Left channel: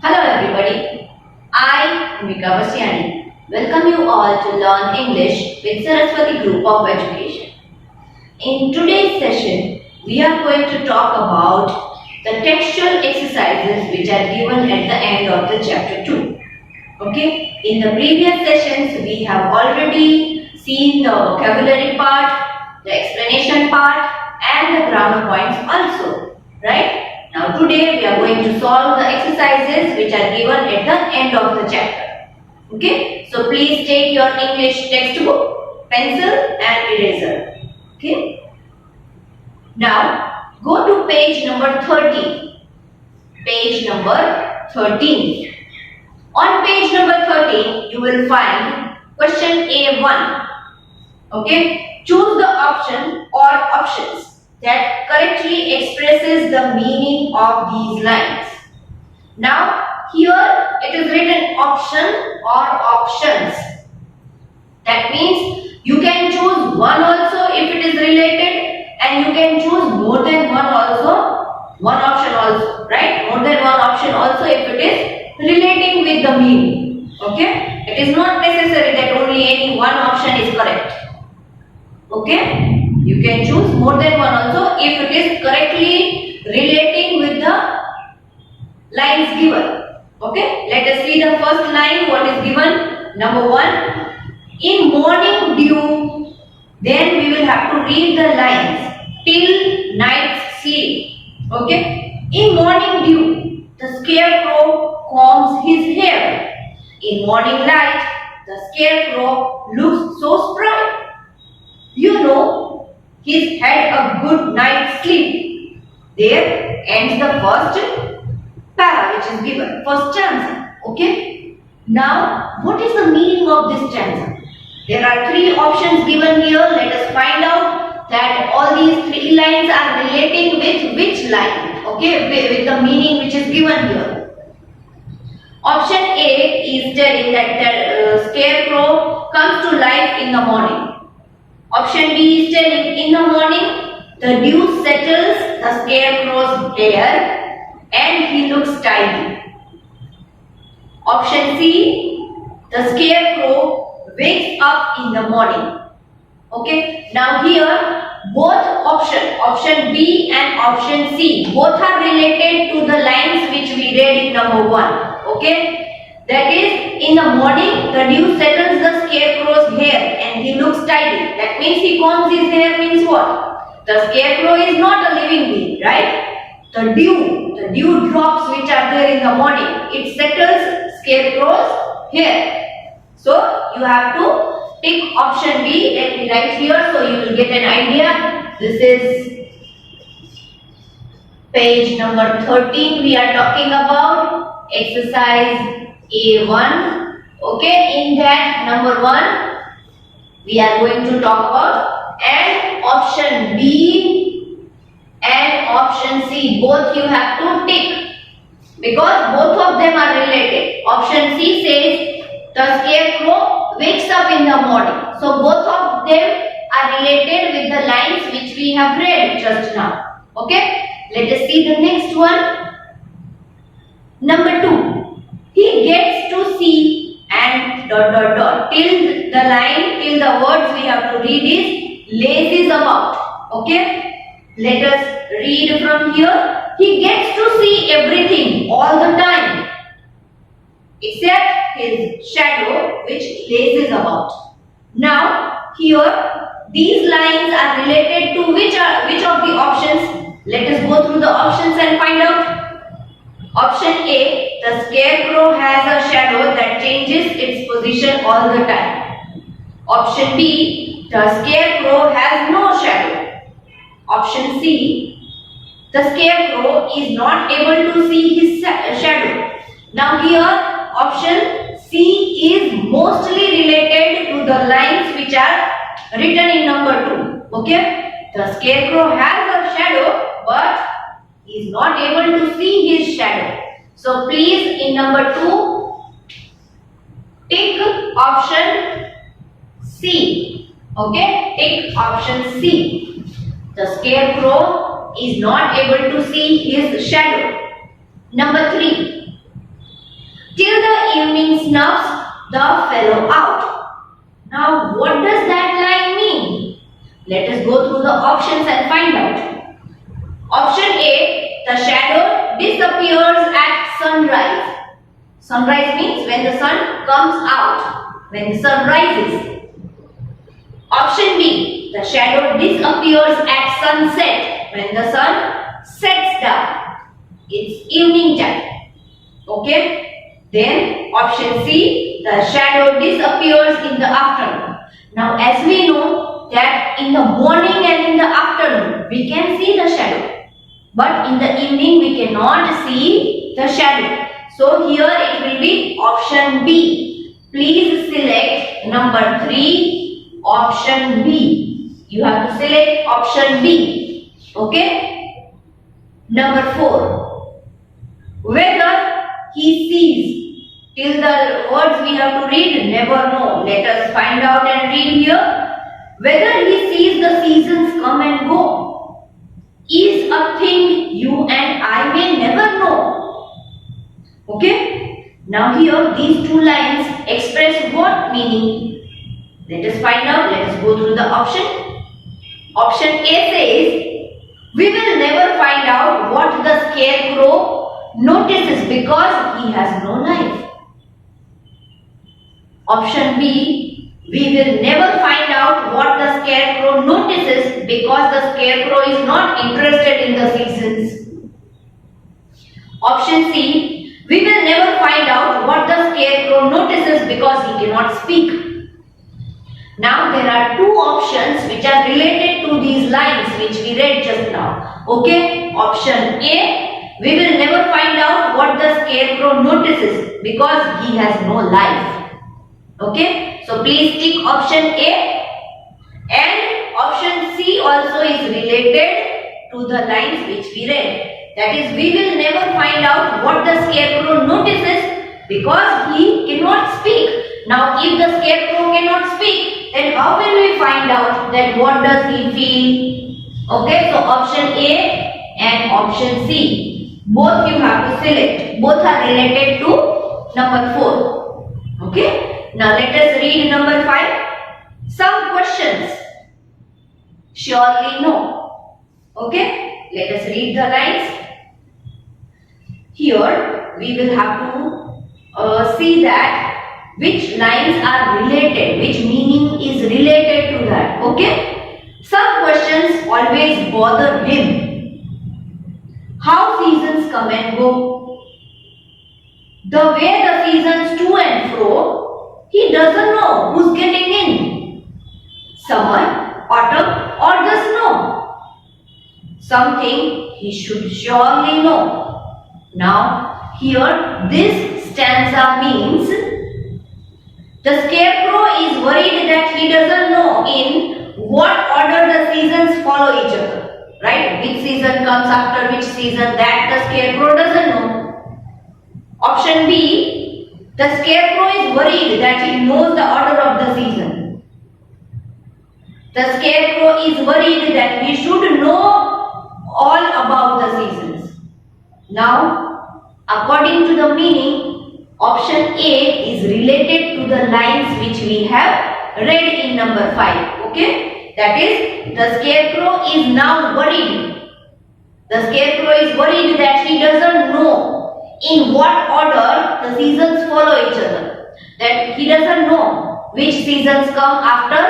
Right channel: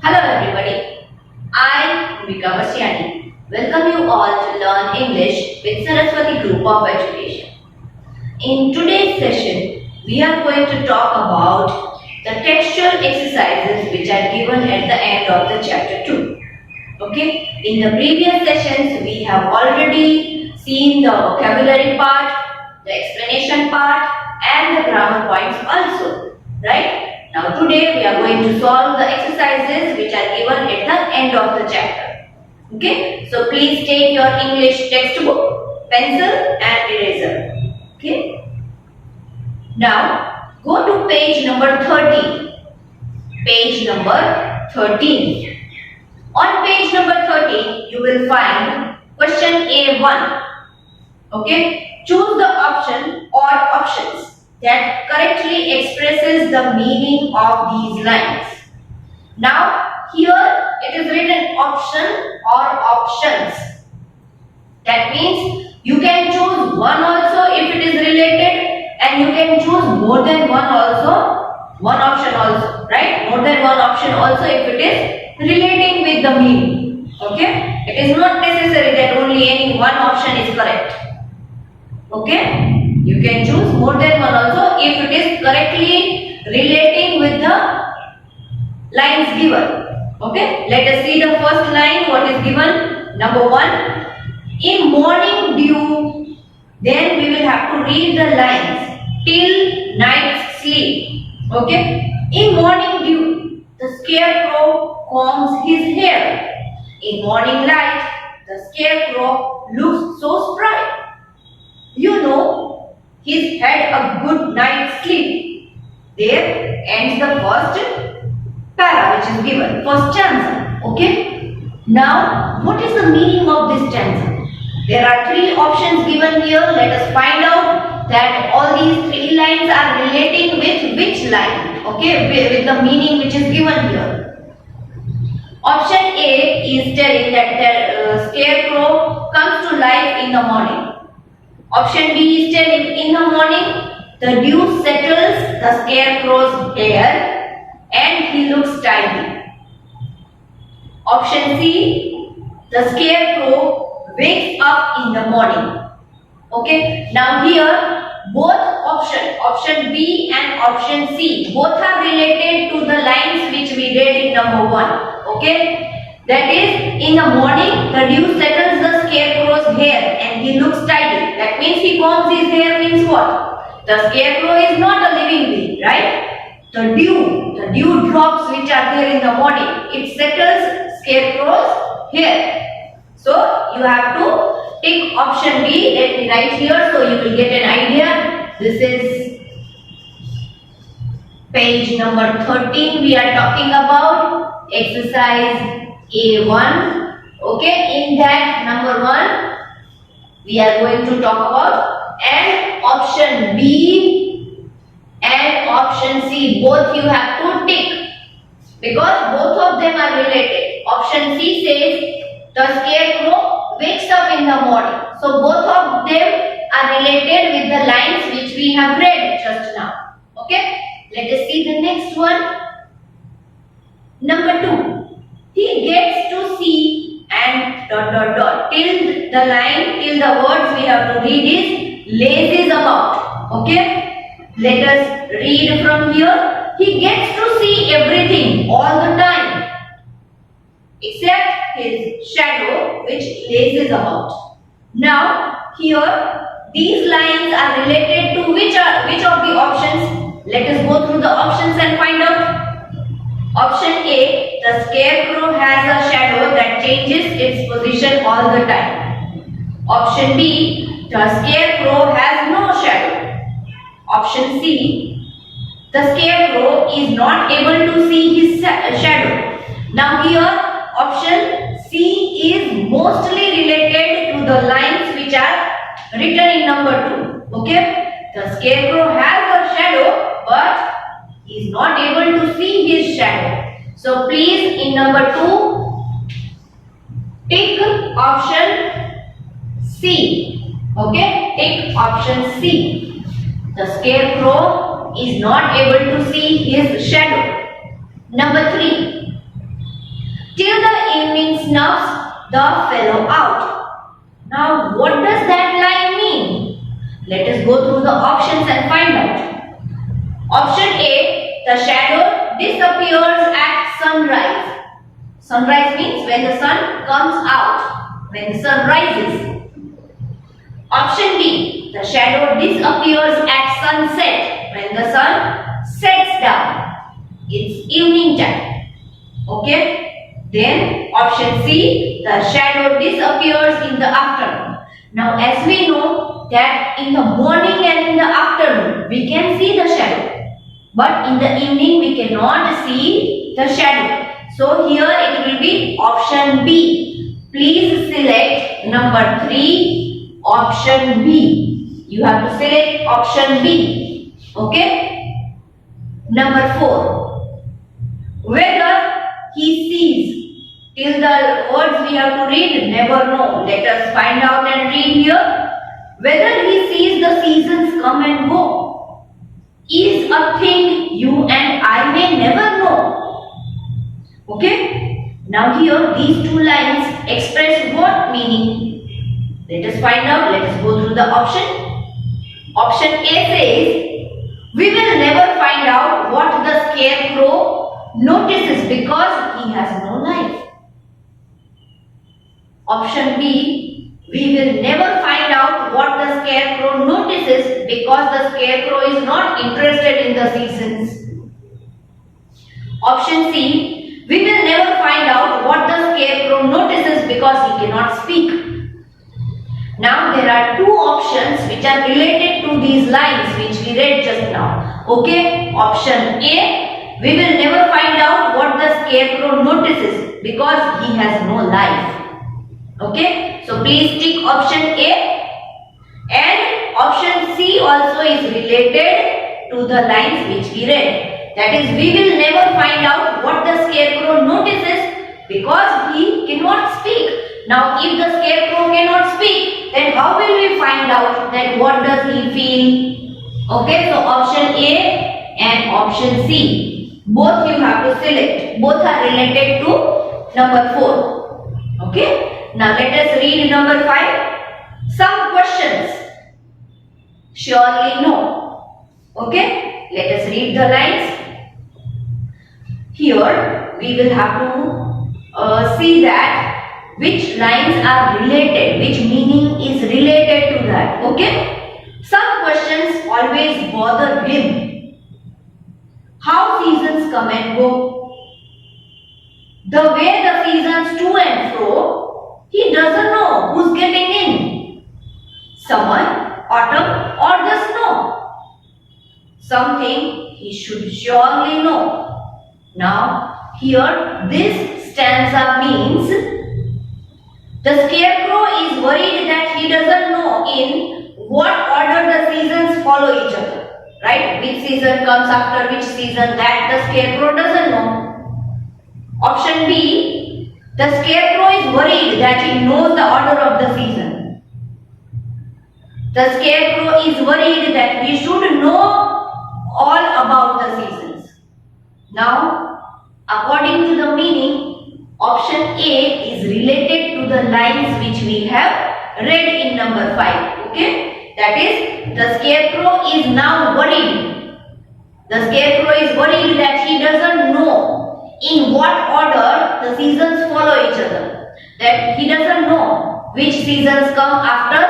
Hello everybody, I, Mika Vasyani, welcome you all to learn English with Saraswati Group of Education. In today's session, we are going to talk about the textual exercises which are given at the end of the chapter 2. Okay, in the previous sessions, we have already seen the vocabulary part, the explanation part and the grammar points also, right? Now today we are going to solve the exercises which are given at the end of the chapter. Okay, so please take your English textbook, pencil and eraser. Okay, now go to page number 13. Page number 13. On page number 13, you will find question A1. Okay, choose the option or options that correctly expresses the meaning of these lines. Now, here it is written option or options. That means you can choose one also if it is related, and you can choose more than one also, one option also, right? More than one option also if it is relating with the meaning. Okay, it is not necessary that only any one option is correct. Okay, you can choose more than one also if it is correctly relating with the lines given. Okay, let us see the first line. What is given? Number 1, in morning dew. Then we will have to read the lines till night's sleep. Okay, in morning dew, the scarecrow combs his hair. In morning light, the scarecrow looks so spry. You know, he's had a good night's sleep. There ends the first para which is given, first stanza. Okay. Now, what is the meaning of this stanza? There are 3 options given here. Let us find out that all these 3 lines are relating with which line. Okay, with the meaning which is given here. Option A is telling that the scarecrow comes to life in the morning. Option B is telling in the morning the dew settles the scarecrow's hair and he looks tidy. Option C, the scarecrow wakes up in the morning. Okay, now here both option B and option C, both are related to the lines which we read in number 1. Okay. That is, in the morning, the dew settles the scarecrow's hair and he looks tidy. That means he combs his hair means what? The scarecrow is not a living being, right? The dew drops which are there in the morning, it settles scarecrow's hair. So, you have to pick option B. Let me write here so you will get an idea. This is page number 13 we are talking about, exercise A1. Okay, in that number 1 we are going to talk about, and option B and option C both you have to tick because both of them are related. Option C says the scarecrow wakes up in the morning. So both of them are related with the lines which we have read just now. Okay, let us see the next one. Number 2. He gets to see and ... till the line, till the words we have to read is lazes about. Okay, let us read from here. He gets to see everything all the time except his shadow which lazes about. Now here these lines are related to which of the options? Let us go through the options and find out. Option A, the scarecrow has a shadow that changes its position all the time. Option B, the scarecrow has no shadow. Option C, the scarecrow is not able to see his shadow. Now here, option C is mostly related to the lines which are written in number 2. Okay, the scarecrow has a shadow but he is not able to see his shadow. So please in number 2 tick option C. Okay, tick option C. The scarecrow is not able to see his shadow. Number 3. till the evening snuffs the fellow out. Now, what does that line mean? Let us go through the options and find out. Option A, the shadow disappears at sunrise. Sunrise means when the sun comes out, when the sun rises. Option B, the shadow disappears at sunset, when the sun sets down. It's evening time. Okay? Then option C, the shadow disappears in the afternoon. Now as we know that in the morning and in the afternoon we can see the shadow. But in the evening we cannot see the shadow. So here it will be option B. Please select number 3, option B. You have to select option B. Okay? Number 4. Whether he sees. Till the words we have to read, never know. Let us find out and read here. Whether he sees the seasons come and go is a thing you and I may never know. Okay? Now here these two lines express what meaning? Let us find out. Let us go through the option. Option A says, we will never find out what the scarecrow notices because he has no life. Option B, we will never find out what the scarecrow notices because the scarecrow is not interested in the seasons. Option C, we will never find out what the scarecrow notices because he cannot speak. Now there are two options which are related to these lines which we read just now. Okay, option A, we will never find out what the scarecrow notices because he has no life. Okay, so please tick option A, and option C also is related to the lines which we read. That is, we will never find out what the scarecrow notices because he cannot speak. Now if the scarecrow cannot speak, then how will we find out that what does he feel? Okay, so option A and option C, both you have to select. Both are related to number 4. Okay. Now let us read number 5. Some questions. Surely no. Okay. Let us read the lines. Here we will have to see that which lines are related, which meaning is related to that. Okay. Some questions always bother him. How seasons come and go. The way the seasons to and fro, he doesn't know who's getting in. Summer, autumn or the snow. Something he should surely know. Now here this stanza means the scarecrow is worried that he doesn't know in what order the seasons follow each other. Right? Which season comes after which season, that the scarecrow doesn't know. Option B, the scarecrow is worried that he knows the order of the season. The scarecrow is worried that we should know all about the seasons. Now, according to the meaning, option A is related to the lines which we have read in number 5. Okay? That is, the scarecrow is now worried. The scarecrow is worried that he doesn't know in what order the seasons follow each other. That he doesn't know which seasons come after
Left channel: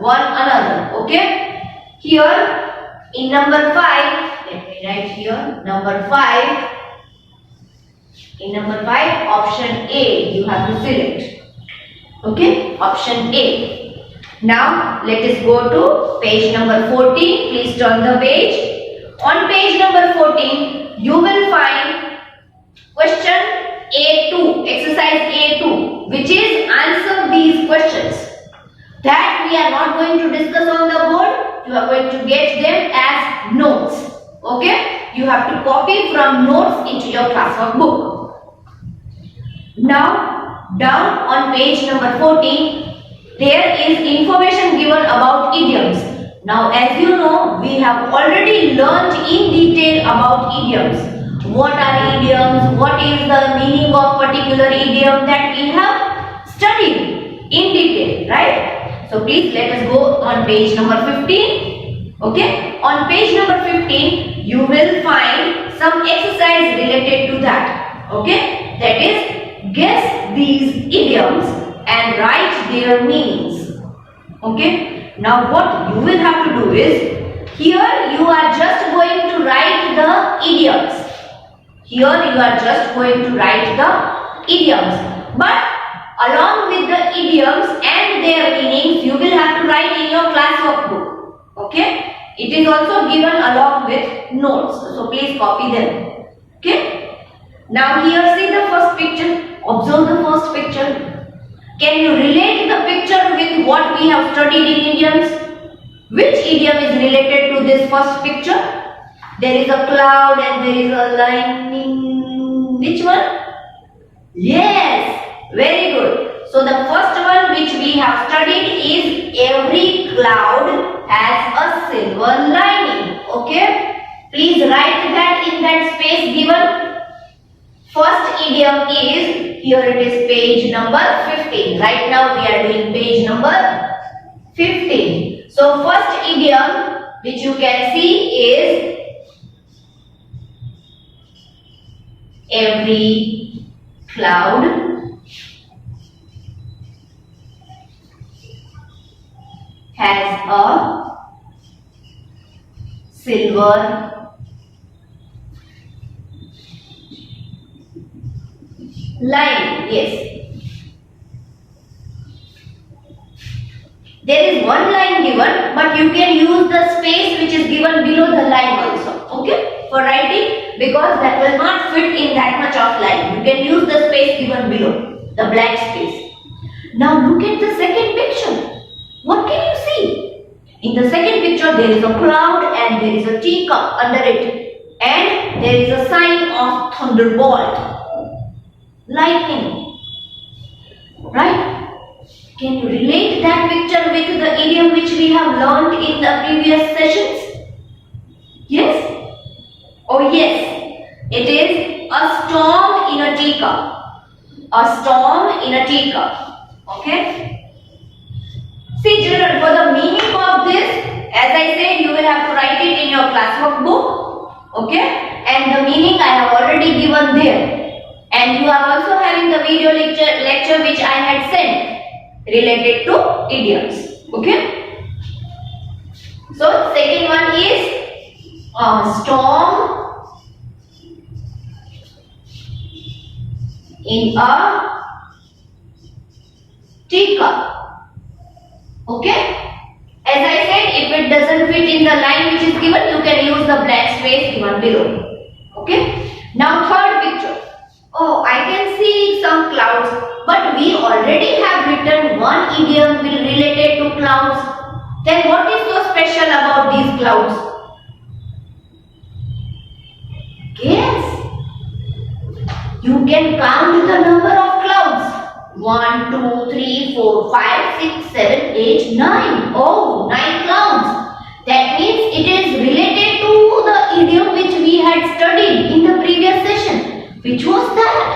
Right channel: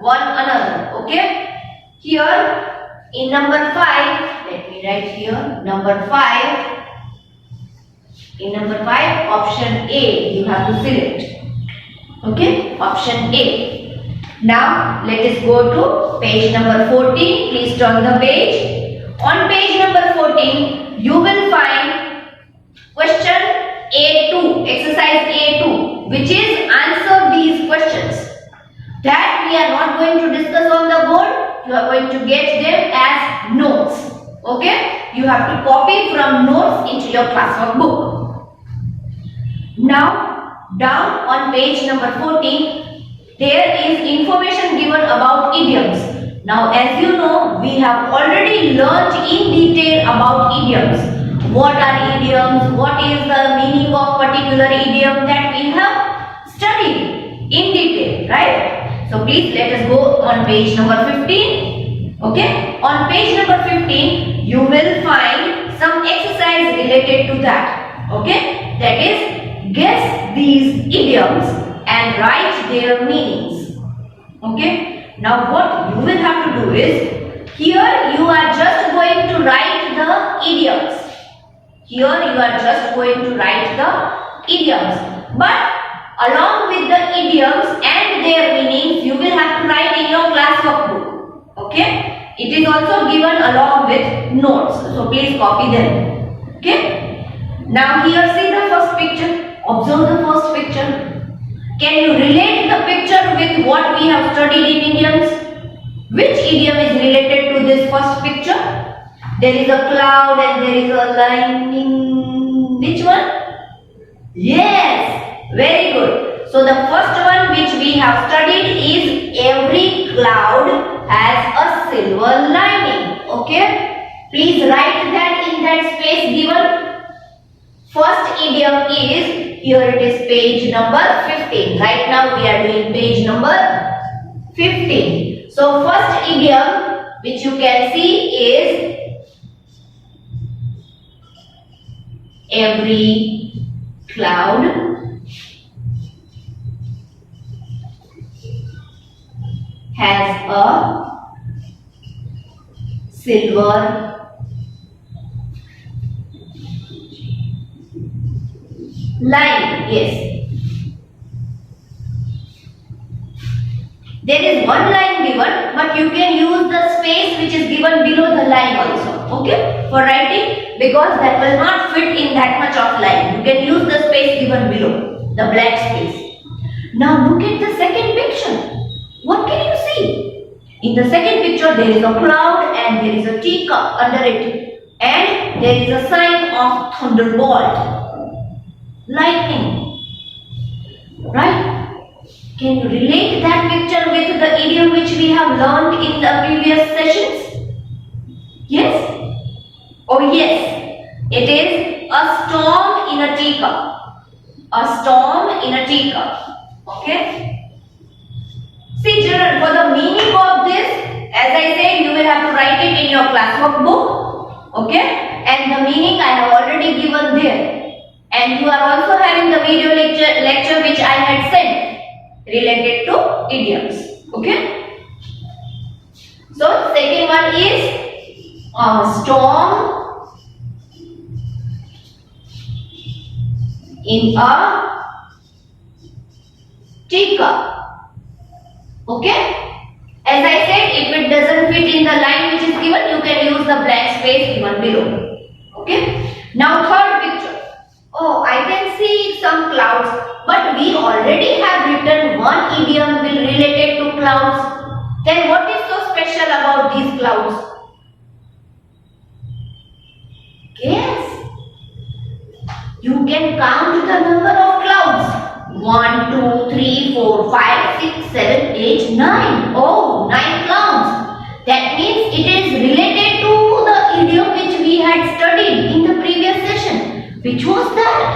one another. Okay? Here in number 5, let me write here, number 5. In number 5, option A you have to select. Okay? Option A. Now let us go to page number 14. Please turn the page. On page number 14, you will find question A2, exercise A2, which is answer these questions. That we are not going to discuss on the board. You are going to get them as notes. Okay? You have to copy from notes into your classwork book. Now, down on page number 14, there is information given about idioms. Now, as you know, we have already learned in detail about idioms. what are idioms, what is the meaning of particular idiom, that we have studied in detail, right? So please let us go on page number 15. Okay, on page number 15 you will find some exercise related to that. Okay, that is, guess these idioms and write their meanings. Okay, now what you will have to do is, here you are just going to write the idioms. Here you are just going to write the idioms. But along with the idioms and their meanings, you will have to write in your class workbook. Okay? It is also given along with notes. So please copy them. Okay? Now here see the first picture. Observe the first picture. Can you relate the picture with what we have studied in idioms? Which idiom is related to this first picture? There is a cloud and there is a lightning. Which one? Yes, very good. So the first one which we have studied is, every cloud has a silver lining. Okay? Please write that in that space given. First idiom is, here it is page number 15. Right now we are doing page number 15. So first idiom which you can see is, every cloud has a silver line. Yes. There is one line given, but you can use the space which is given below the line also. Okay, for writing, because that will not fit in that much of line. You can use the space given below, the blank space. Now look at the second picture. What can you see? In the second picture there is a cloud and there is a teacup under it, and there is a sign of thunderbolt, lightning. Right? Can you relate that picture with the idiom which we have learned in the previous sessions? Yes? Oh yes. It is a storm in a teacup. A storm in a teacup. Okay? See children, for the meaning of this, as I said, you will have to write it in your class workbook. Okay? And the meaning I have already given there. And you are also having the video lecture which I had sent, related to idioms. Okay? So second one is, storm in a teacup. Okay? As I said, if it doesn't fit in the line which is given, you can use the blank space given below. Okay? Now third picture. Oh, I can see some clouds, but we already have written one idiom related to clouds. Then what is so special about these clouds? Guess. You can count the number of clouds. 1, 2, 3, 4, 5, 6, 7, 8, 9. Oh, 9 clouds. That means it is related to the idiom which we had studied in the previous session. Which was that?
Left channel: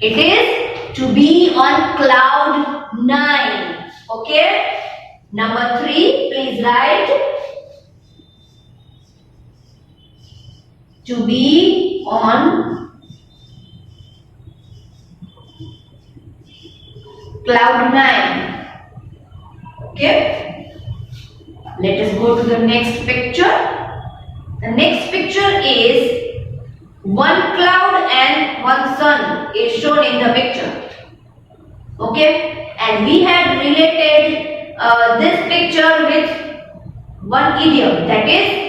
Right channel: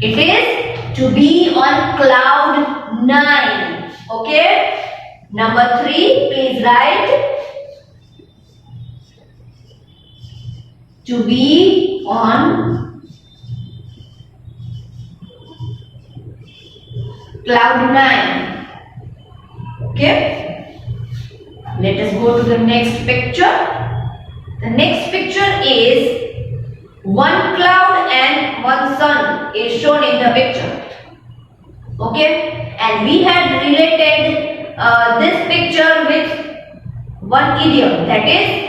It is to be on cloud 9. Okay? Number 3, please write. To be on cloud 9. Okay? Let us go to the next picture. The next picture is, one cloud and one sun is shown in the picture. Okay? And we had related this picture with one idiom, that is,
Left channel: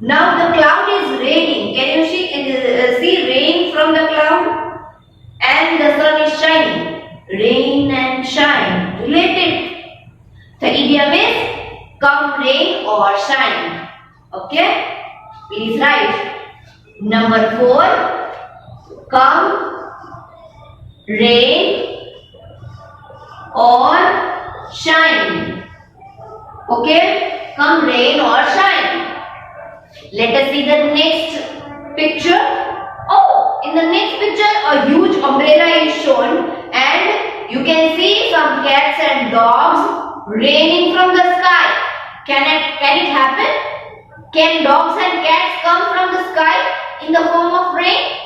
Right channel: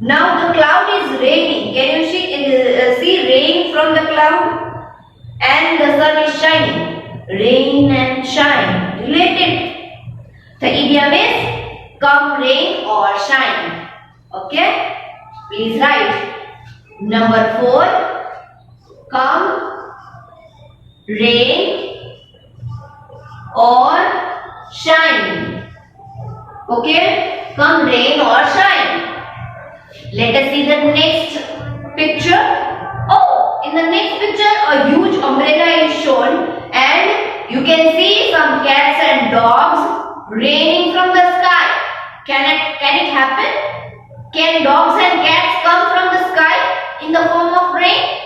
now the cloud is raining. Can you see rain from the cloud? And the sun is shining. Rain and shine. Related. The idiom is, come rain or shine. Okay? Please write. Number 4, come rain or shine. Okay? Come rain or shine. Let us see the next picture. Oh, in the next picture, a huge umbrella is shown, and you can see some cats and dogs raining from the sky. Can it happen? Can dogs and cats come from the sky in the form of rain?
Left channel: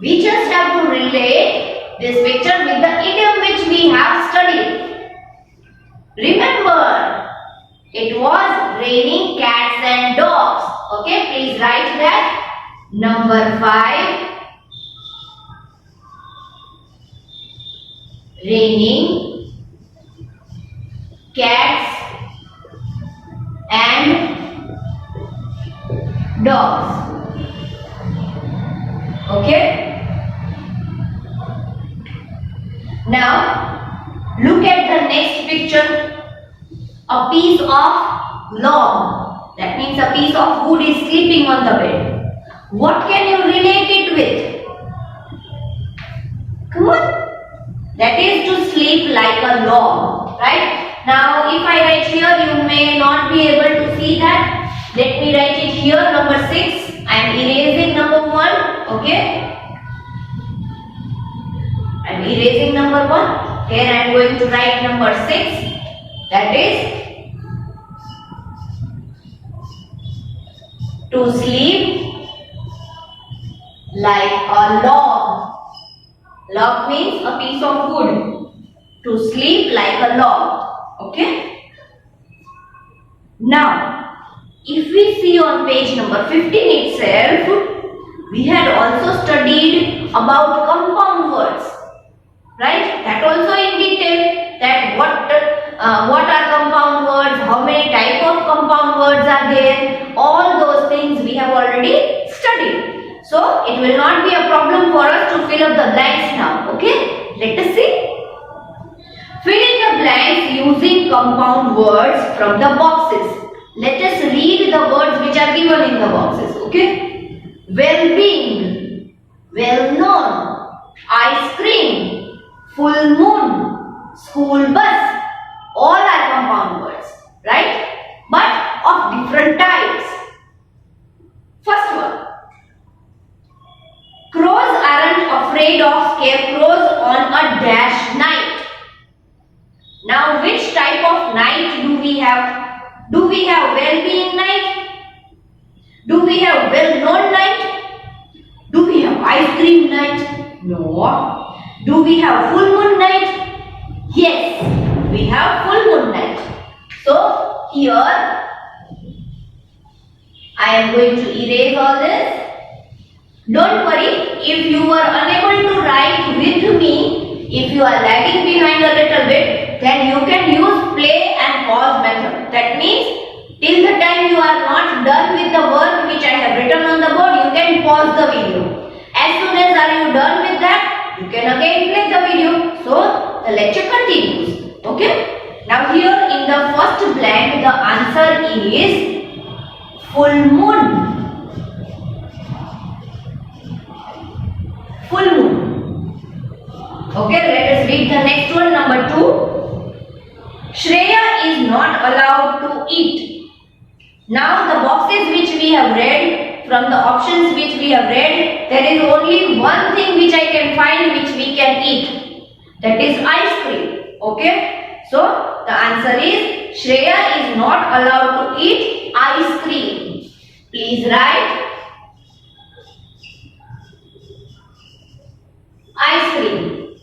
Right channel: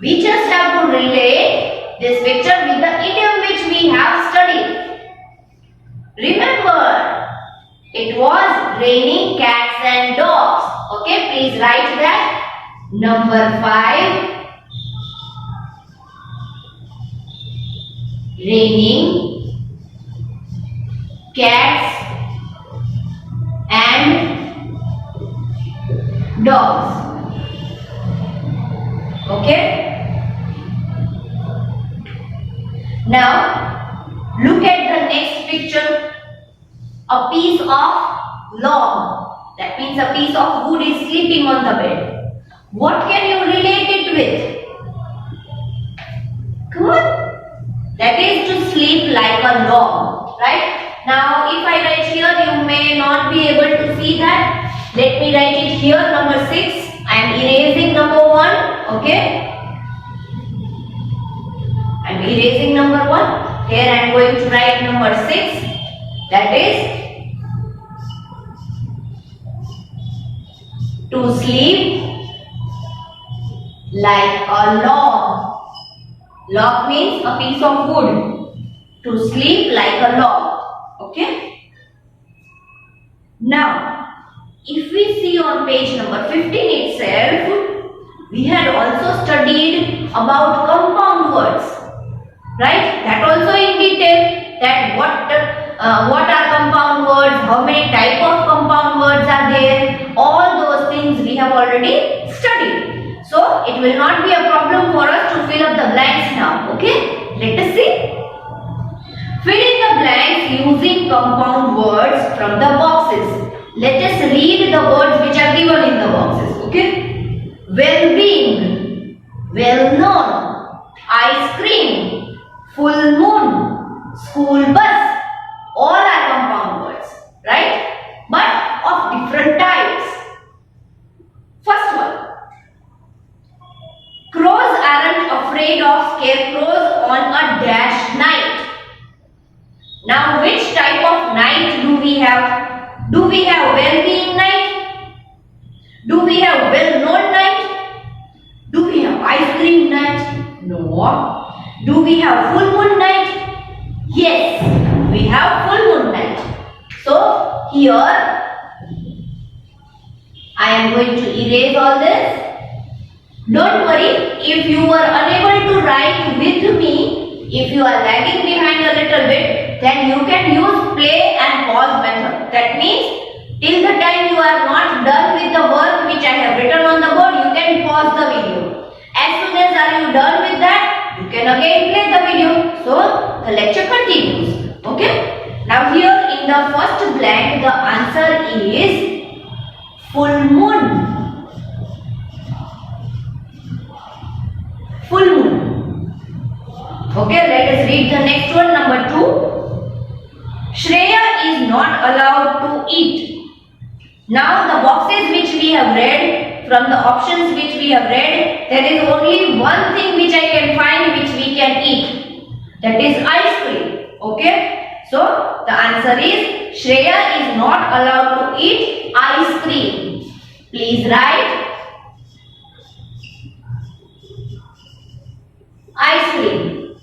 We just have to relate this picture with the idiom which we have studied. Remember, it was raining cats and dogs. Okay, please write that. Number 5. Raining cats and dogs. Okay. Now, look at the next picture. A piece of log, that means a piece of wood, is sleeping on the bed. What can you relate it with? Come on. That is to sleep like a log, right? Now, if I write here, you may not be able to see that. Let me write it here, number 6. I am erasing number 1, okay? I am erasing number 1. Here I am going to write number 6. That is to sleep like a log. Log means a piece of wood. To sleep like a log. Okay? Now, if we see on page number 15 itself, we had also studied about compound words. Right? That also in detail, that what are compound words, how many type of compound words are there, all those things we have already studied. So, it will not be a problem for us to fill up the blanks now. Okay? Let us see. Fill in the blanks using compound words from the boxes. Let us read the words which are given in the boxes. Okay? Well-being, well-known, ice cream, full moon, school bus. All are compound words, right? But of different types. First one. Crows aren't afraid of scarecrows on a dash night. Now, which type of night do we have? Do we have well-being night? Do we have well-known night? Do we have ice cream night? No. Do we have full moon night? Yes, we have full moon night. So, here I am going to erase all this. Don't worry, if you were unable to write with me, if you are lagging behind a little bit, then you can use play and pause method. That means, till the time you are not done with the work which I have written on the board, you can pause the video. As soon as are you done with that, you can again play the video. So, the lecture continues. Okay? Now here in the first blank, the answer is full moon. Full moon. Okay, let us read the next one, number 2. Shreya is not allowed to eat. Now the boxes which we have read, from the options which we have read, there is only one thing which I can find which we can eat. That is ice cream. Okay? So the answer is Shreya is not allowed to eat ice cream. Please write ice cream.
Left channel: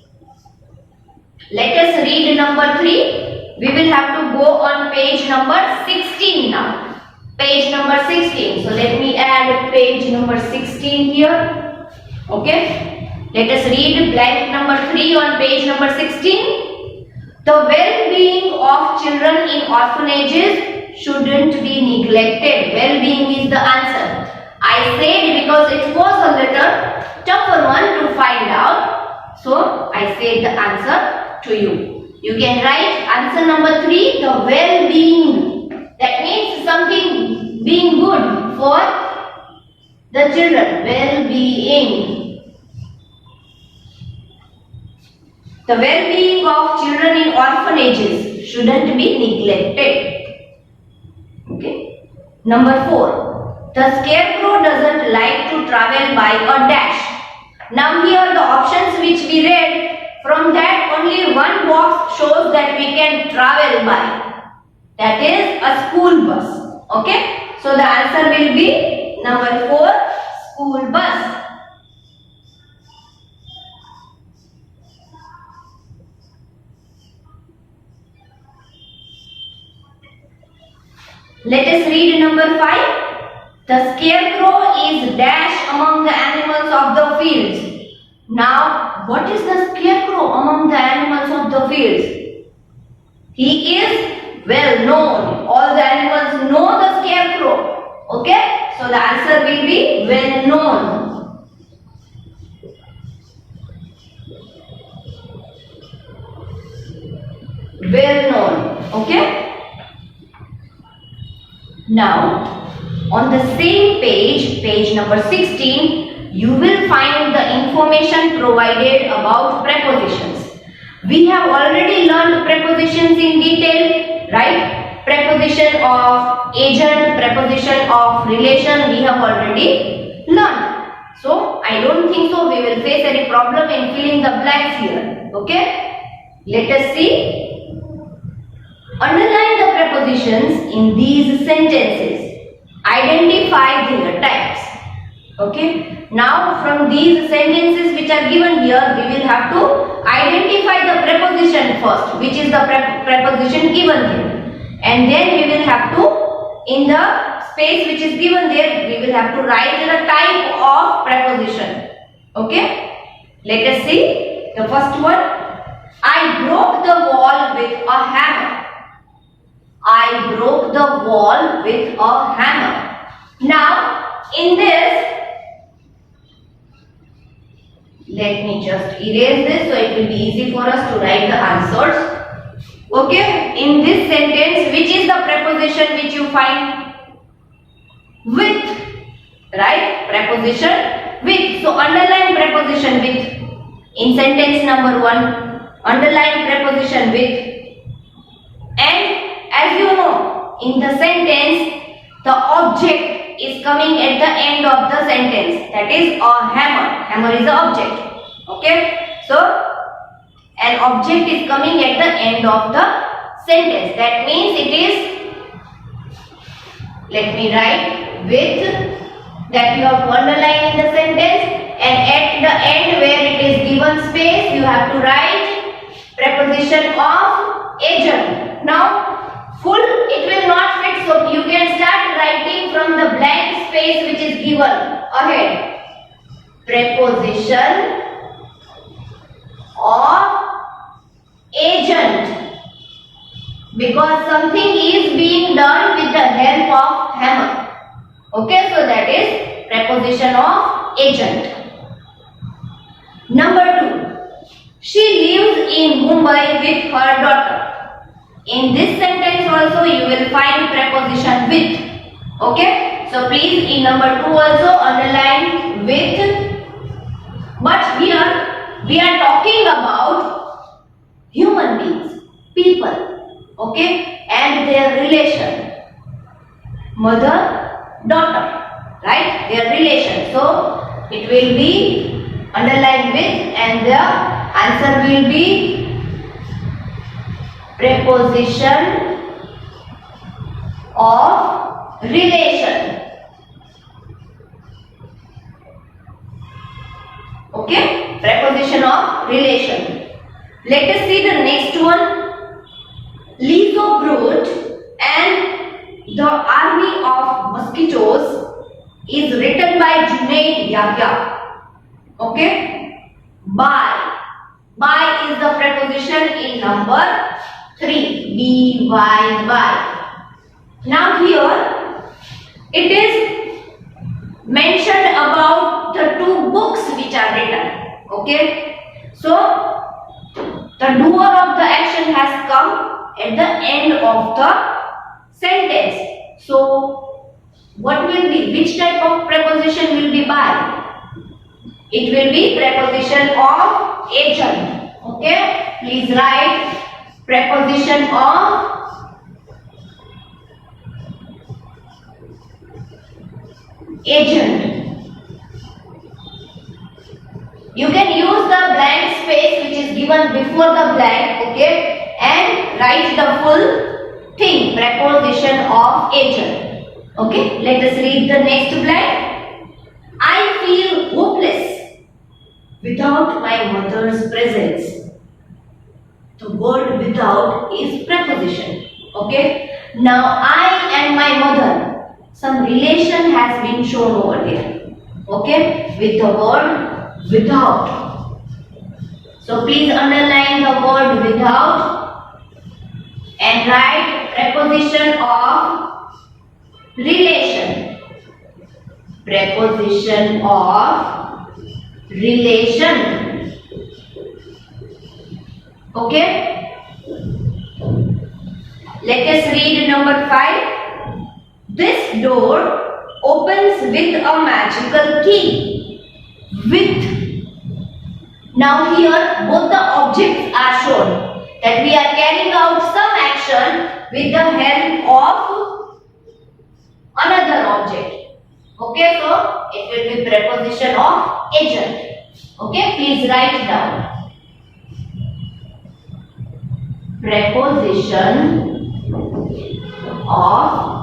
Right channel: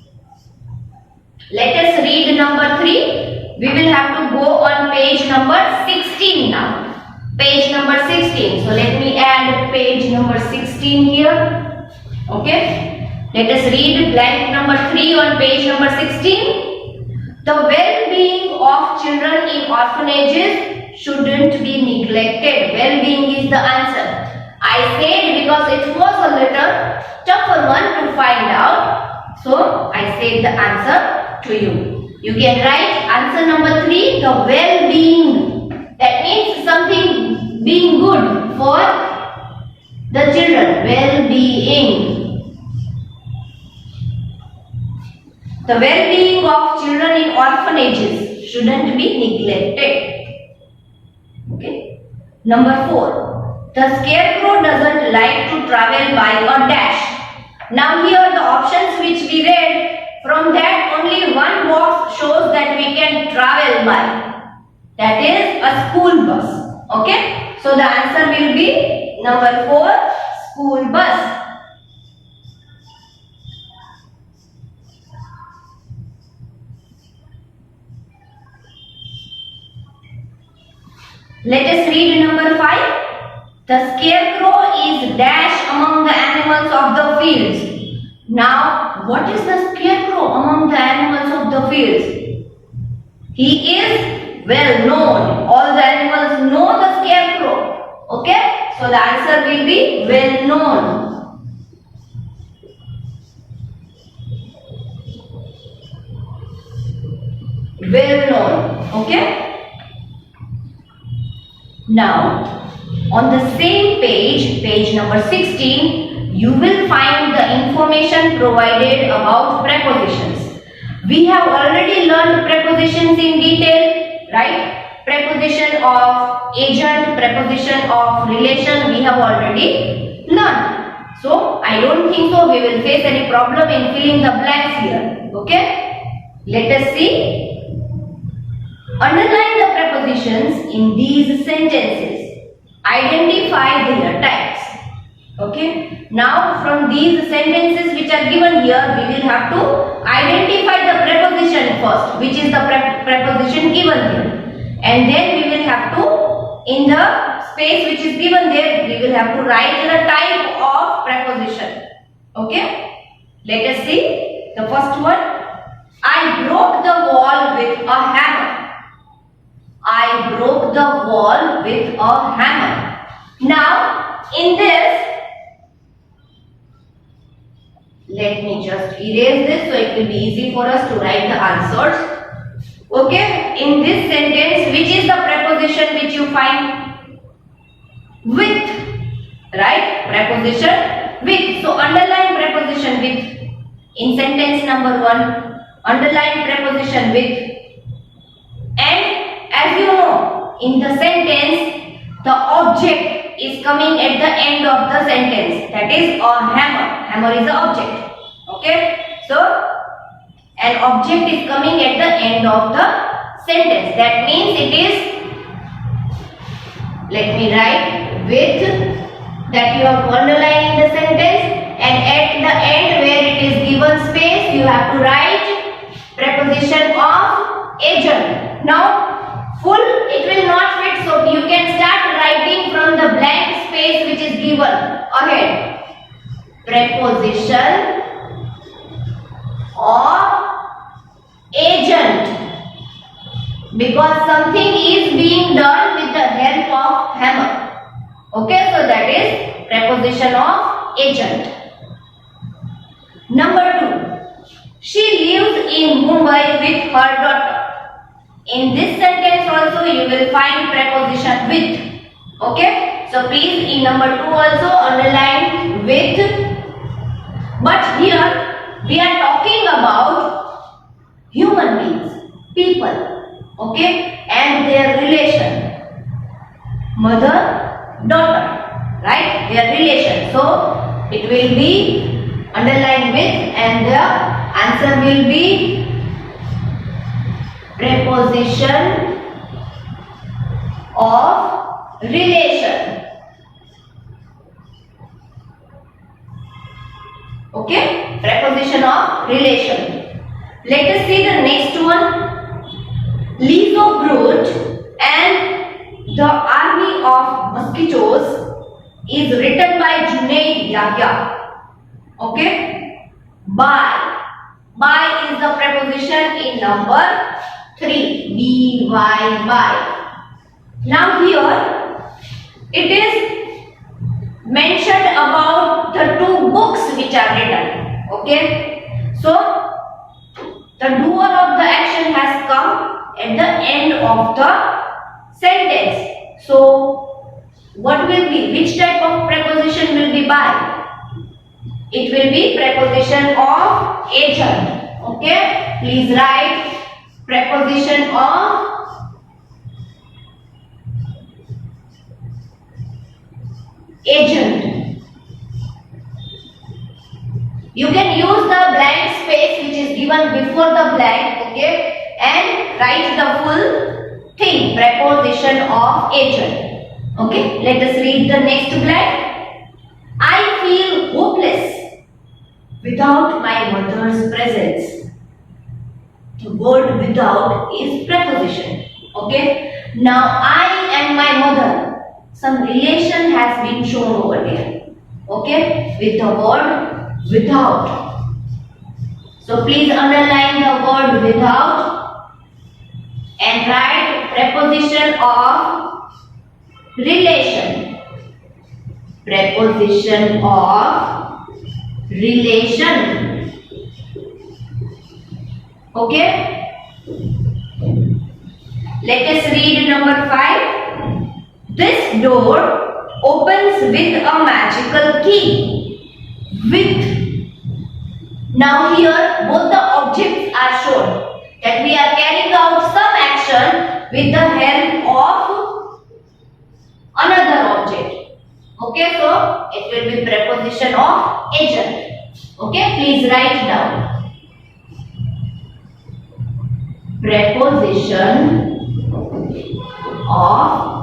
Let us read number 3. We will have to go on page number 16 now. Page number 16. So let me add page number 16 here. Okay. Let us read blank number 3 on page number 16. The well-being of children in orphanages shouldn't be neglected. Well-being is the answer. I said because it was a little tougher one to find out. So I said the answer to you. You can write answer number 3, the well-being. That means something being good for the children. Well-being. The well-being of children in orphanages shouldn't be neglected. Okay. Number 4. The scarecrow doesn't like to travel by a dash. Now here the options which we read, from that only one box shows that we can travel by. That is a school bus. Okay. So the answer will be number 4, school bus. Let us read number 5. The scarecrow is dash among the animals of the fields. Now, what is the scarecrow among the animals of the fields? He is well known. All the animals know the scarecrow. Okay? So the answer will be well known. Well known. Okay? Now, on the same page, page number 16, you will find the information provided about prepositions. We have already learned prepositions in detail, right? Preposition of agent, preposition of relation, we have already learned. So, I don't think so we will face any problem in filling the blanks here. Okay? Let us see. Underline the prepositions in these sentences. Identify their types. Okay. Now from these sentences which are given here, we will have to identify the preposition first, which is the preposition given here. And then we will have to, in the space which is given there, we will have to write the type of preposition. Okay. Let us see the first one. I broke the wall with a hammer. I broke the wall with a hammer. Now, in this, let me just erase this so it will be easy for us to write the answers. Okay, in this sentence, which is the preposition which you find? With, right? Preposition with. So, underline preposition with. In sentence number 1, underline preposition with. And as you know, in the sentence, the object is coming at the end of the sentence. That is a hammer. Hammer is the object. Okay. So, an object is coming at the end of the sentence. That means it is, let me write with, that you have to underline in the sentence, and at the end where it is given space, you have to write preposition of agent. Now, full it will not fit, so you can start writing from the blank space which is given ahead. Preposition of agent, because something is being done with the help of hammer. Okay, so that is preposition of agent. Number 2, she lives in Mumbai with her daughter. In this sentence also you will find preposition with. Okay. So please in number 2 also underline with. But here we are talking about human beings, people. Okay. And their relation. Mother, daughter. Right. Their relation. So it will be underlined with, and the answer will be preposition of relation. Okay, preposition of relation. Let us see the next one. Lizzo Brute and the Army of Mosquitoes is written by Junaid Yahya. Okay, by. By is the preposition in number 3, by. Now here it is mentioned about the 2 books which are written. Okay, so the doer of the action has come at the end of the sentence. So what will be, which type of preposition will be by? It will be preposition of agent. Okay, please write preposition of agent. You can use the blank space which is given before the blank, okay, and write the full thing, preposition of agent. Okay, let us read the next blank. I feel hopeless without my mother's presence. The word without is preposition. Okay, now I and my mother, some relation has been shown over here. Okay, with the word without. So please underline the word without and write preposition of relation. Preposition of relation. Okay. Let us read number 5. This door opens with a magical key. With. Now here both the objects are shown that we are carrying out some action with the help of another object. Okay, so it will be preposition of agent. Okay, please write down. Preposition of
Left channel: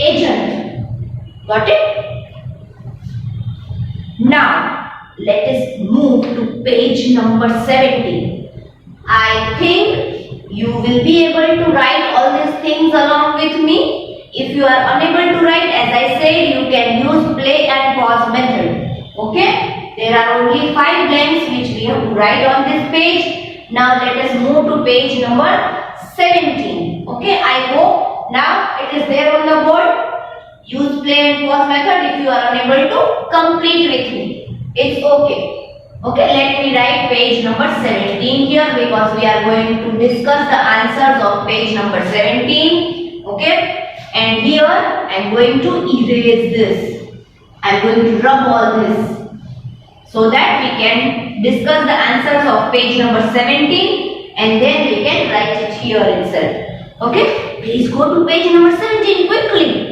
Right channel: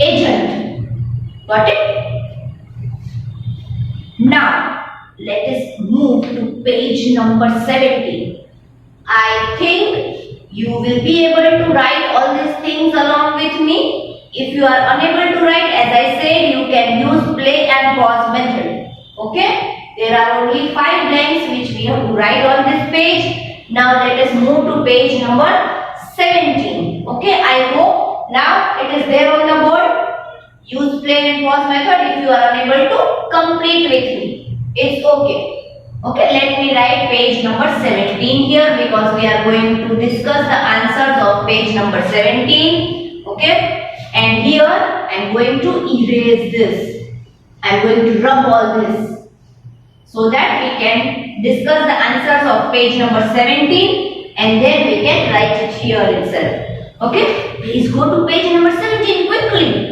agent. Got it? Now, let us move to page number 17. I think you will be able to write all these things along with me. If you are unable to write, as I said, you can use play and pause method. Okay? There are only 5 blanks which we have to write on this page. Now, let us move to page number 17. Okay? I hope now it is there on the board. Use play and pause method if you are unable to complete with me. It's okay. Okay, let me write page number 17 here because we are going to discuss the answers of page number 17. Okay, and here I am going to erase this. I am going to rub all this so that we can discuss the answers of page number 17 and then we can write it here itself. Okay, please go to page number 17 quickly.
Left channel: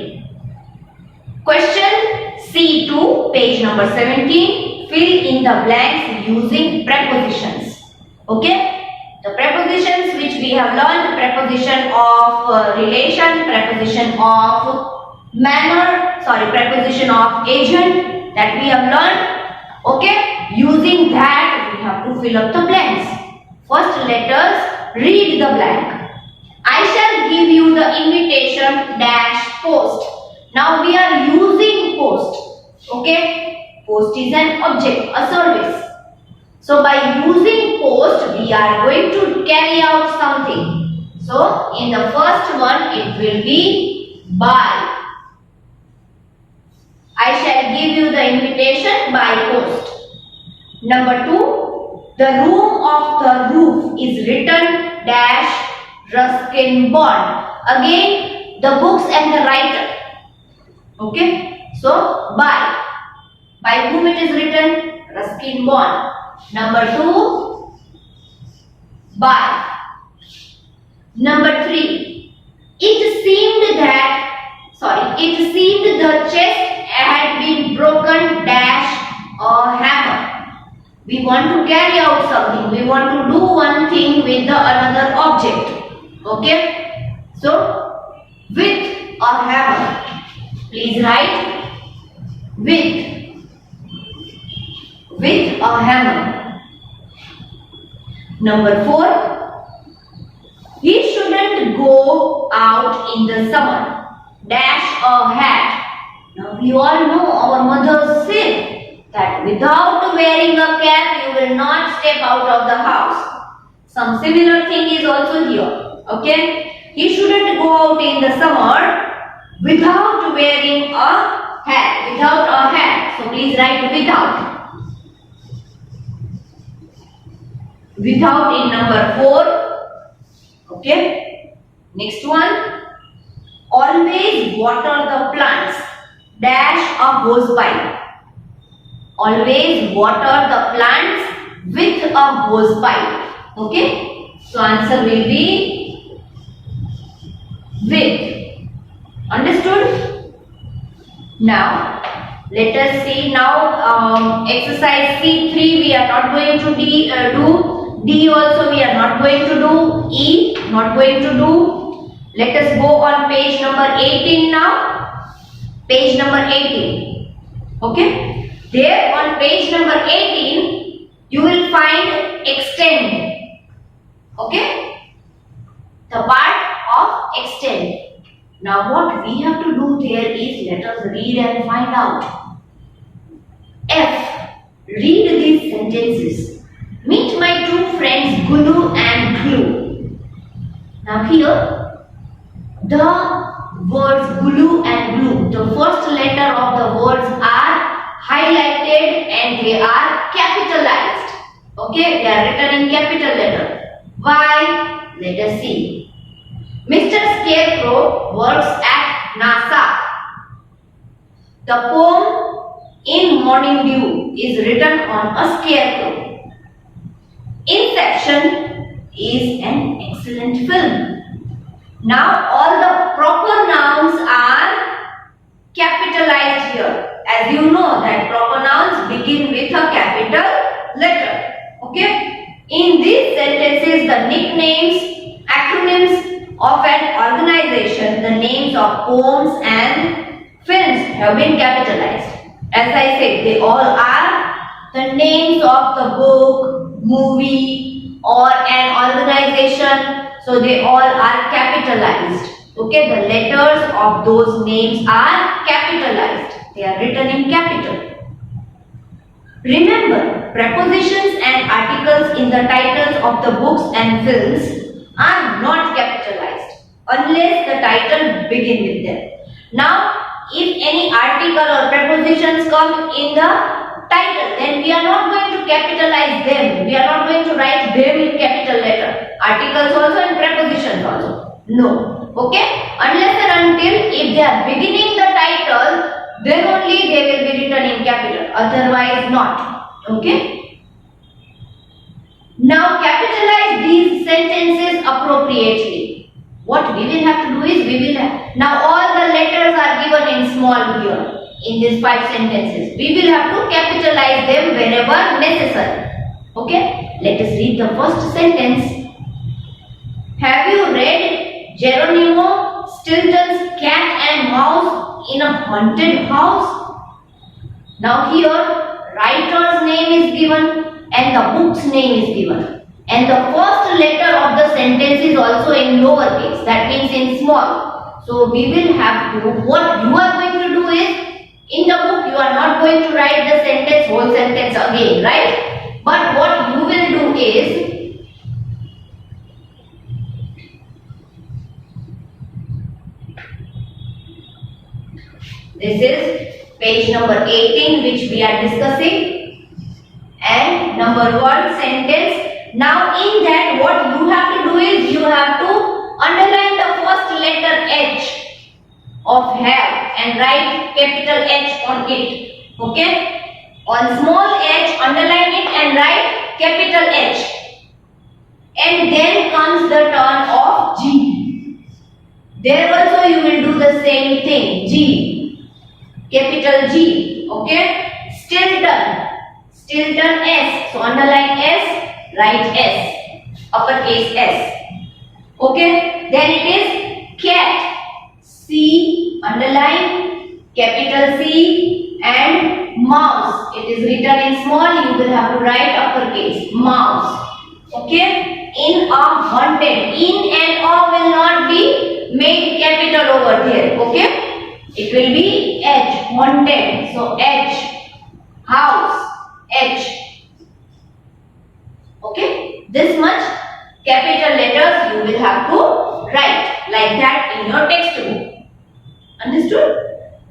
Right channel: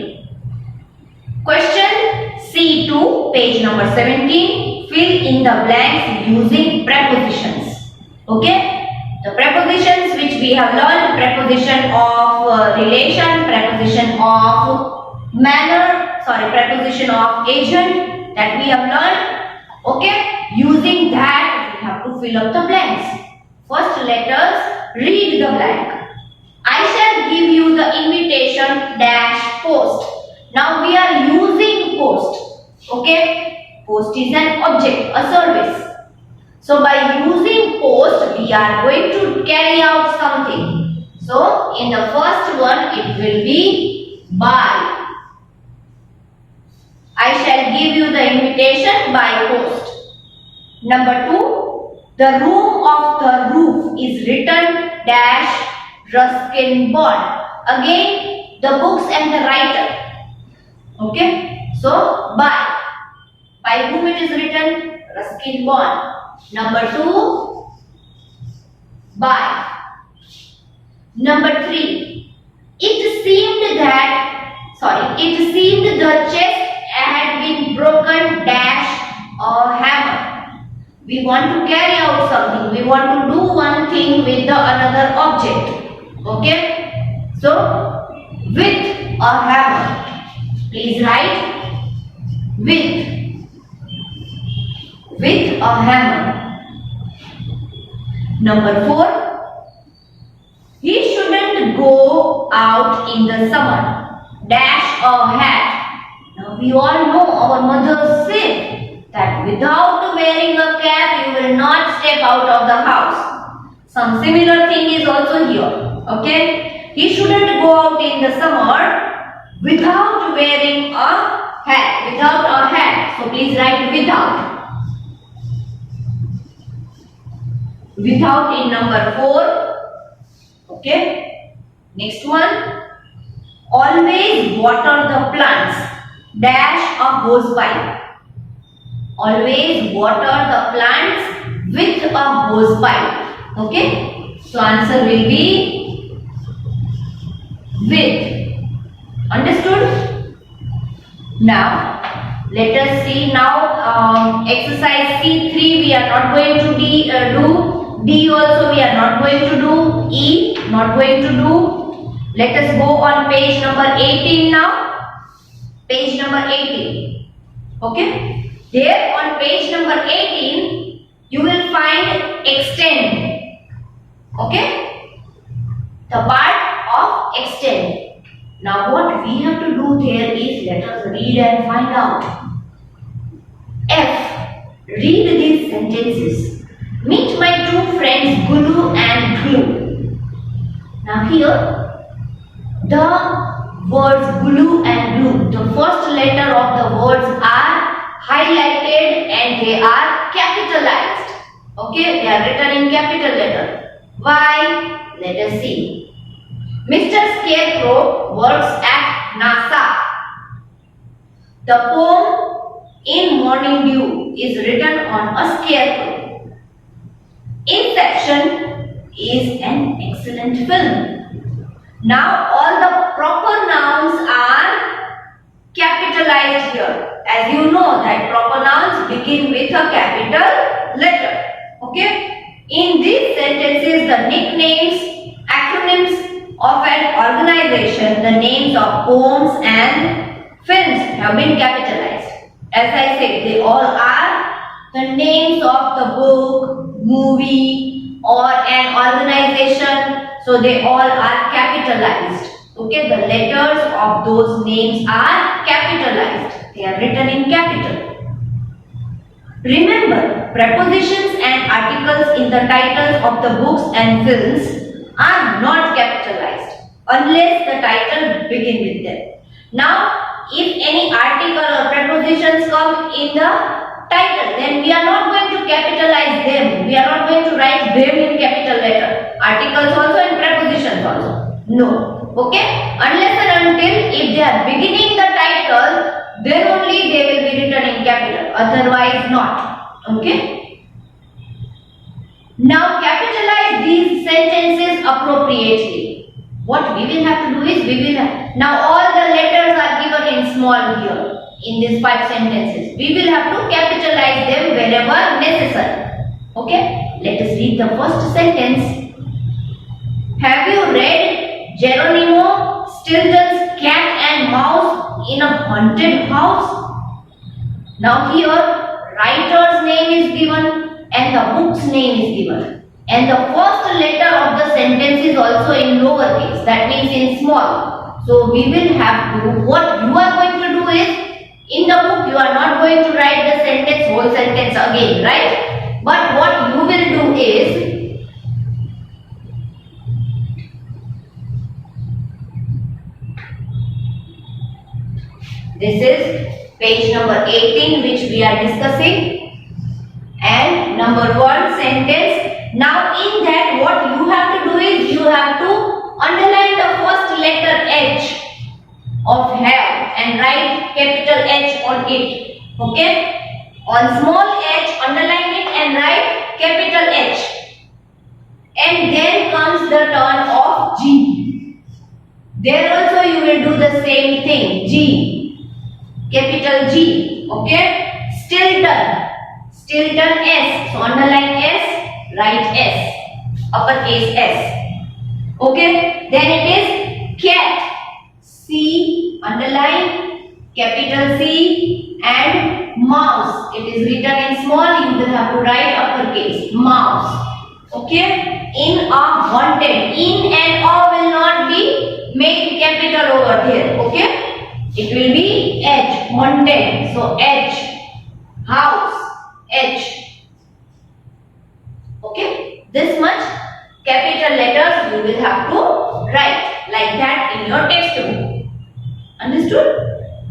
Question C2, page number 17. Fill in the blanks using prepositions. Okay? The prepositions which we have learned, preposition of relation, preposition of manner, preposition of agent that we have learned. Okay? Using that, we have to fill up the blanks. First, let us read the blank. I shall give you the invitation dash post. Now we are using post. Okay? Post is an object, a service. So by using post, we are going to carry out something. So in the first one, it will be by. I shall give you the invitation by post. Number 2, the room of the roof is written dash Ruskin Bond. Again, the books and the writer. Okay, so by whom it is written? Ruskin Bond. Number 2, by. Number 3, it seemed the chest had been broken dash a hammer. We want to carry out something. We want to do one thing with the another object. Okay, so with a hammer. Please write with a hammer. Number 4, he shouldn't go out in the summer dash a hat. Now we all know our mothers say that without wearing a cap you will not step out of the house. Some similar thing is also here. Okay, he shouldn't go out in the summer without wearing a hat. So please write without. Without in number 4. Okay. Next one. Always water the plants dash a hose pipe. Always water the plants with a hose pipe. Okay. So answer will be with. Understood? Now, let us see now exercise C3 we are not going to do. D also we are not going to do. E not going to do. Let us go on page number 18 now. Page number 18. Okay. There on page number 18 you will find extend. Okay. The part of extend. Now what we have to do there is let us read and find out. F. Read these sentences. Meet my two friends Gulu and Glue. Now here the words Gulu and Glue, the first letter of the words are highlighted and they are capitalized. Okay, they are written in capital letter. Why? Let us see. Mr. Scarecrow works at NASA. The poem In Morning Dew is written on a scarecrow. Inception is an excellent film. Now all the proper nouns are capitalized here. As you know that proper nouns begin with a capital letter. Okay. In these sentences the nicknames, acronyms of an organization, the names of poems and films have been capitalized. As I said, they all are the names of the book, movie or an organization. So they all are capitalized. Okay, the letters of those names are capitalized. They are written in capital. Remember, prepositions and articles in the titles of the books and films are not capitalized unless the title begin with them. Now, if any article or prepositions come in the title, then we are not going to capitalize them. We are not going to write them in capital letter. Articles also and prepositions also. No. Okay? Unless and until if they are beginning the title, then only they will be written in capital. Otherwise not. Okay? Now capitalize these sentences appropriately. What we will have to do is now all the letters are given in small here in these 5 sentences. We will have to capitalize them wherever necessary. Okay? Let us read the first sentence. Have you read Geronimo Stilton's Cat and Mouse in a Haunted House? Now here writer's name is given and the book's name is given. And the first letter of the sentence is also in lowercase. That means in small. So we will have to, what you are going to do is, in the book you are not going to write the whole sentence again, right? But what you will do is, this is page number 18 which we are discussing. And number 1 sentence. Now in that what you have to do is you have to underline the first letter H of have and write capital H on it. Okay? On small h underline it and write capital H. And then comes the turn of G. There also you will do the same thing. G. Capital G. Okay? Stilton. Stilton S. So underline S, write S. Uppercase S. Okay. Then it is cat. C, underline, capital C, and mouse. It is written in small, you will have to write uppercase. Mouse. Okay. In a haunted. In and a will not be made capital over there. Okay. It will be H. Haunted. So H. House. H. Okay. This much capital letters you will have to write like that in your textbook. Understood?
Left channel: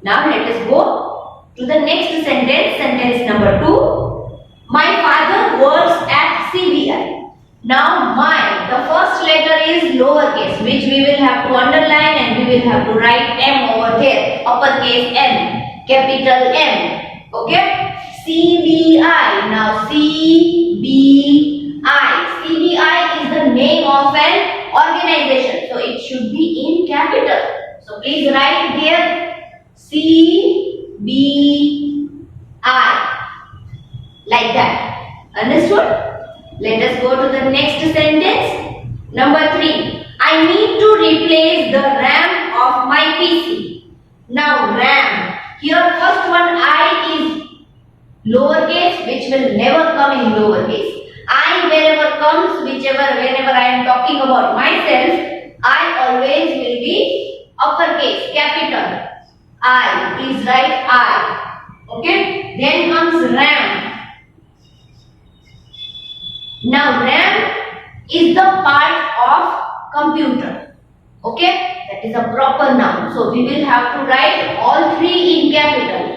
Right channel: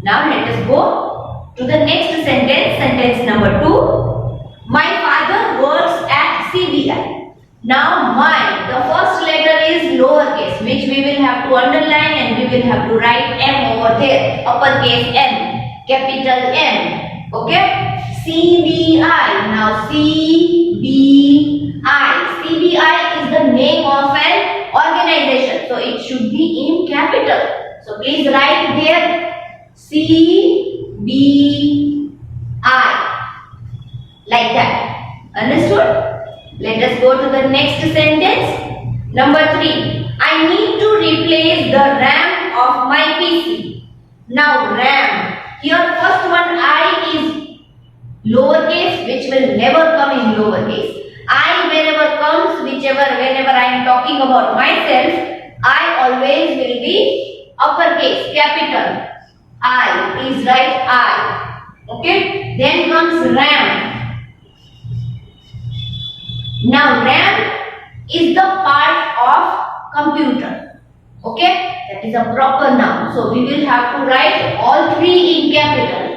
Now let us go to the next sentence. Sentence number 2. My father works at CBI. Now my, the first letter is lowercase, which we will have to underline and we will have to write M over there. Uppercase M. Capital M. Okay? CBI. Now CBI. CBI is the name of an organization. So it should be in capital. So So please write there CBI like that. Understood? Let us go to the next sentence. Number 3. I need to replace the RAM of my PC. Now RAM. Here first one I is lowercase, which will never come in lowercase. I whenever comes, whenever I am talking about myself, I always will be uppercase, capital I. Please write I. Okay. Then comes RAM. Now RAM is the part of computer. Okay. That is a proper noun. So we will have to write all three in capital.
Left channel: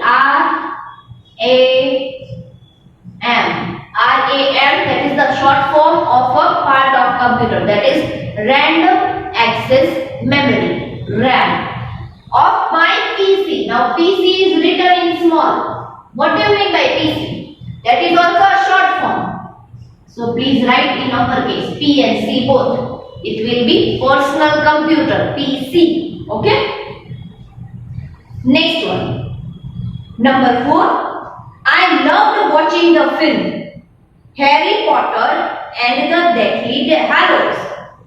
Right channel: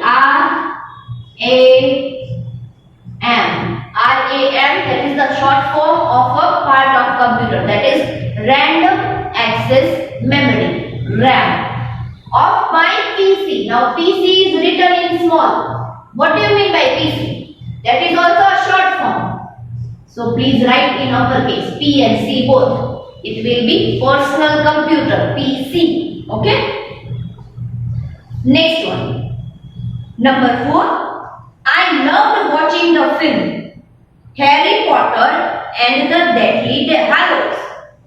RAM. That is the short form of a part of computer. That is random access memory. RAM. Of my PC. Now PC is written in small. What do you mean by PC? That is also a short form. So please write in uppercase. P and C both. It will be personal computer. PC. Okay. Next one. Number 4. I loved watching the film Harry Potter and the Deathly Hallows.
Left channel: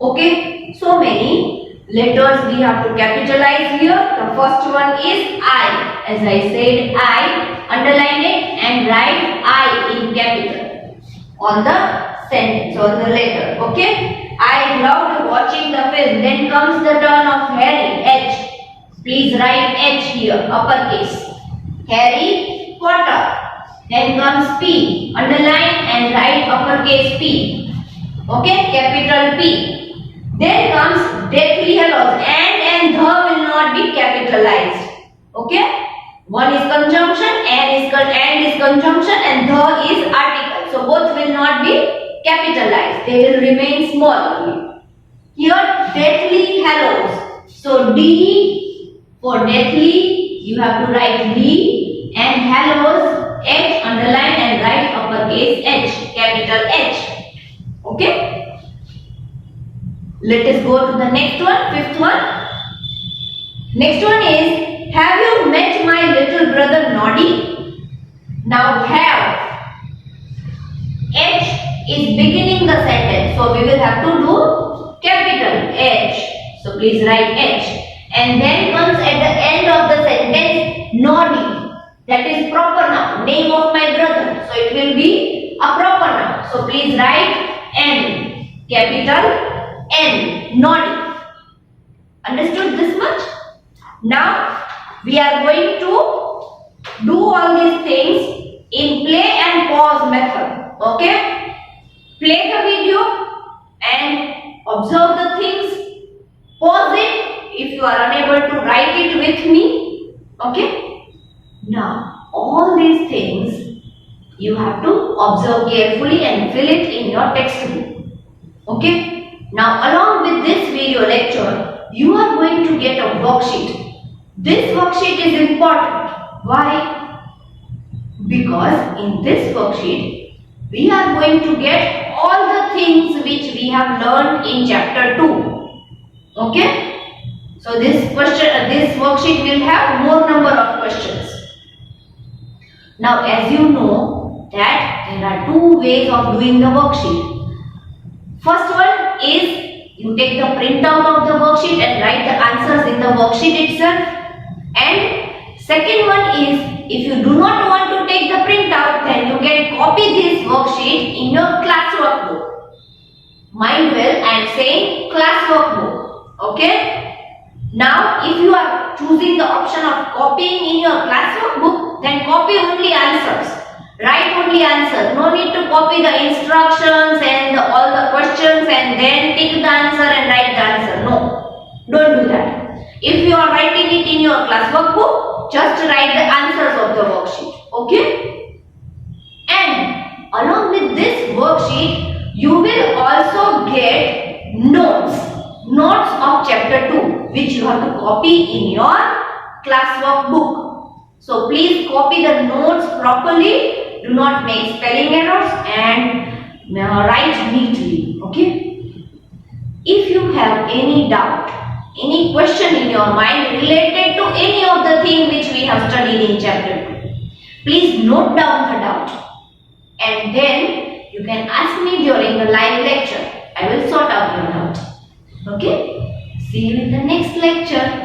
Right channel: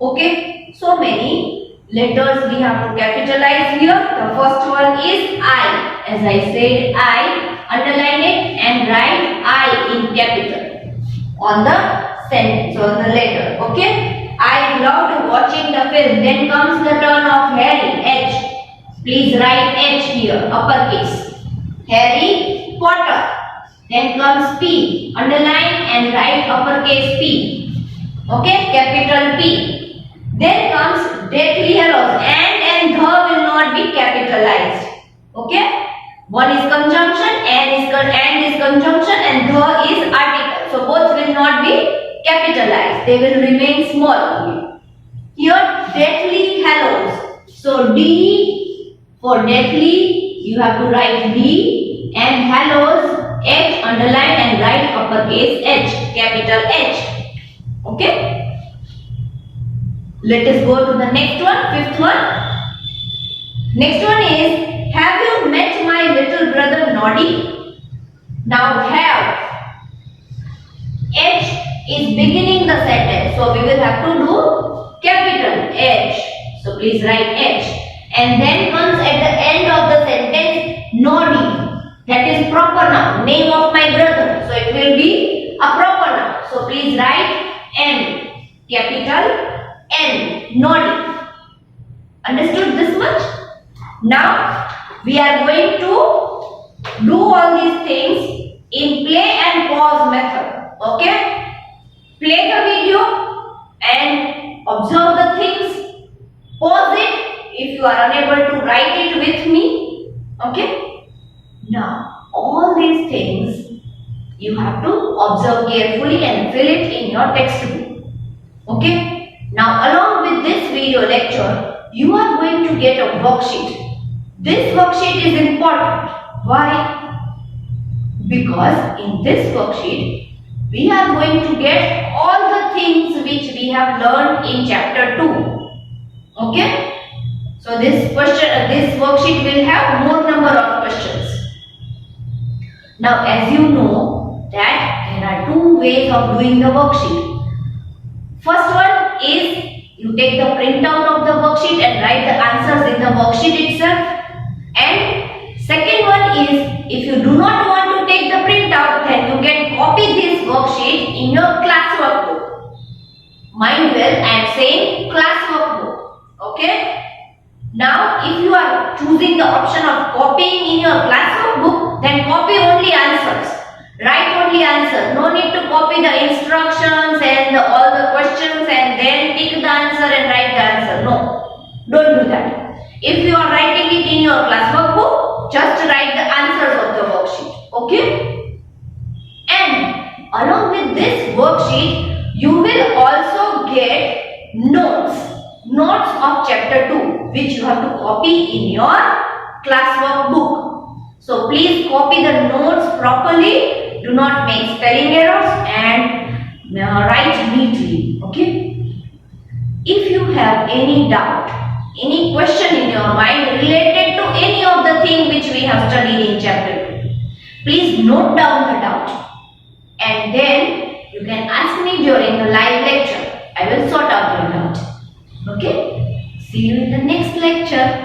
Okay. So many letters we have to capitalize here. The first one is I. As I said, I. Underline it and write I in capital on the sentence, on the letter. Okay. I loved watching the film. Then comes the turn of Harry. H. Please write H here. Uppercase. Harry Potter. Then comes P. Underline and write uppercase P. Okay. Capital P. Then comes Deathly Hallows. And the will not be capitalized. Okay. One is conjunction, and is conjunction, and the is article. So both will not be capitalized. They will remain small only. Here Deathly Hallows. So D for Deathly, you have to write D, and Hallows H, underline and write uppercase H, capital H. Okay. Let us go to the next one, fifth one. Next one is, have you met my little brother Noddy? Now have. H is beginning the sentence. So we will have to do capital H. So please write H. And then comes at the end of the sentence Noddy. That is proper noun. Name of my brother. So it will be a proper noun. So please write N. Capital N. Noddy. Understood this much? Now we are going to do all these things in play and pause method. Okay? Play the video and observe the things. Pause it if you are unable to write it with me. Okay? Now all these things you have to observe carefully and fill it in your textbook. Okay? Now along with this video lecture, you are going to get a worksheet. This worksheet is important. Why? Because in this worksheet, we are going to get all the things which we have learned in chapter 2. Okay? So this worksheet will have more number of questions. Now as you know that there are two ways of doing the worksheet. First one is you take the printout of the worksheet and write the answers in the worksheet itself. And second one is, if you do not want to take the printout, then you can copy this worksheet in your classwork book. Mind well, I am saying classwork book. Okay? Now, if you are choosing the option of copying in your classwork book, then copy only answers. Write only answers. No need to copy the instructions and all the questions and then pick the answer and write the answer. No, don't do that. If you are writing it in your classwork book, just write the answers of the worksheet. Okay? And along with this worksheet, you will also get notes of chapter 2, which you have to copy in your classwork book. So please copy the notes properly. Do not make spelling errors and write neatly. Okay? If you have any doubt, any question in your mind related to any of the thing which we have studied in chapter 2. Please note down the doubt and then you can ask me during the live lecture. I will sort out your doubt. Okay? See you in the next lecture.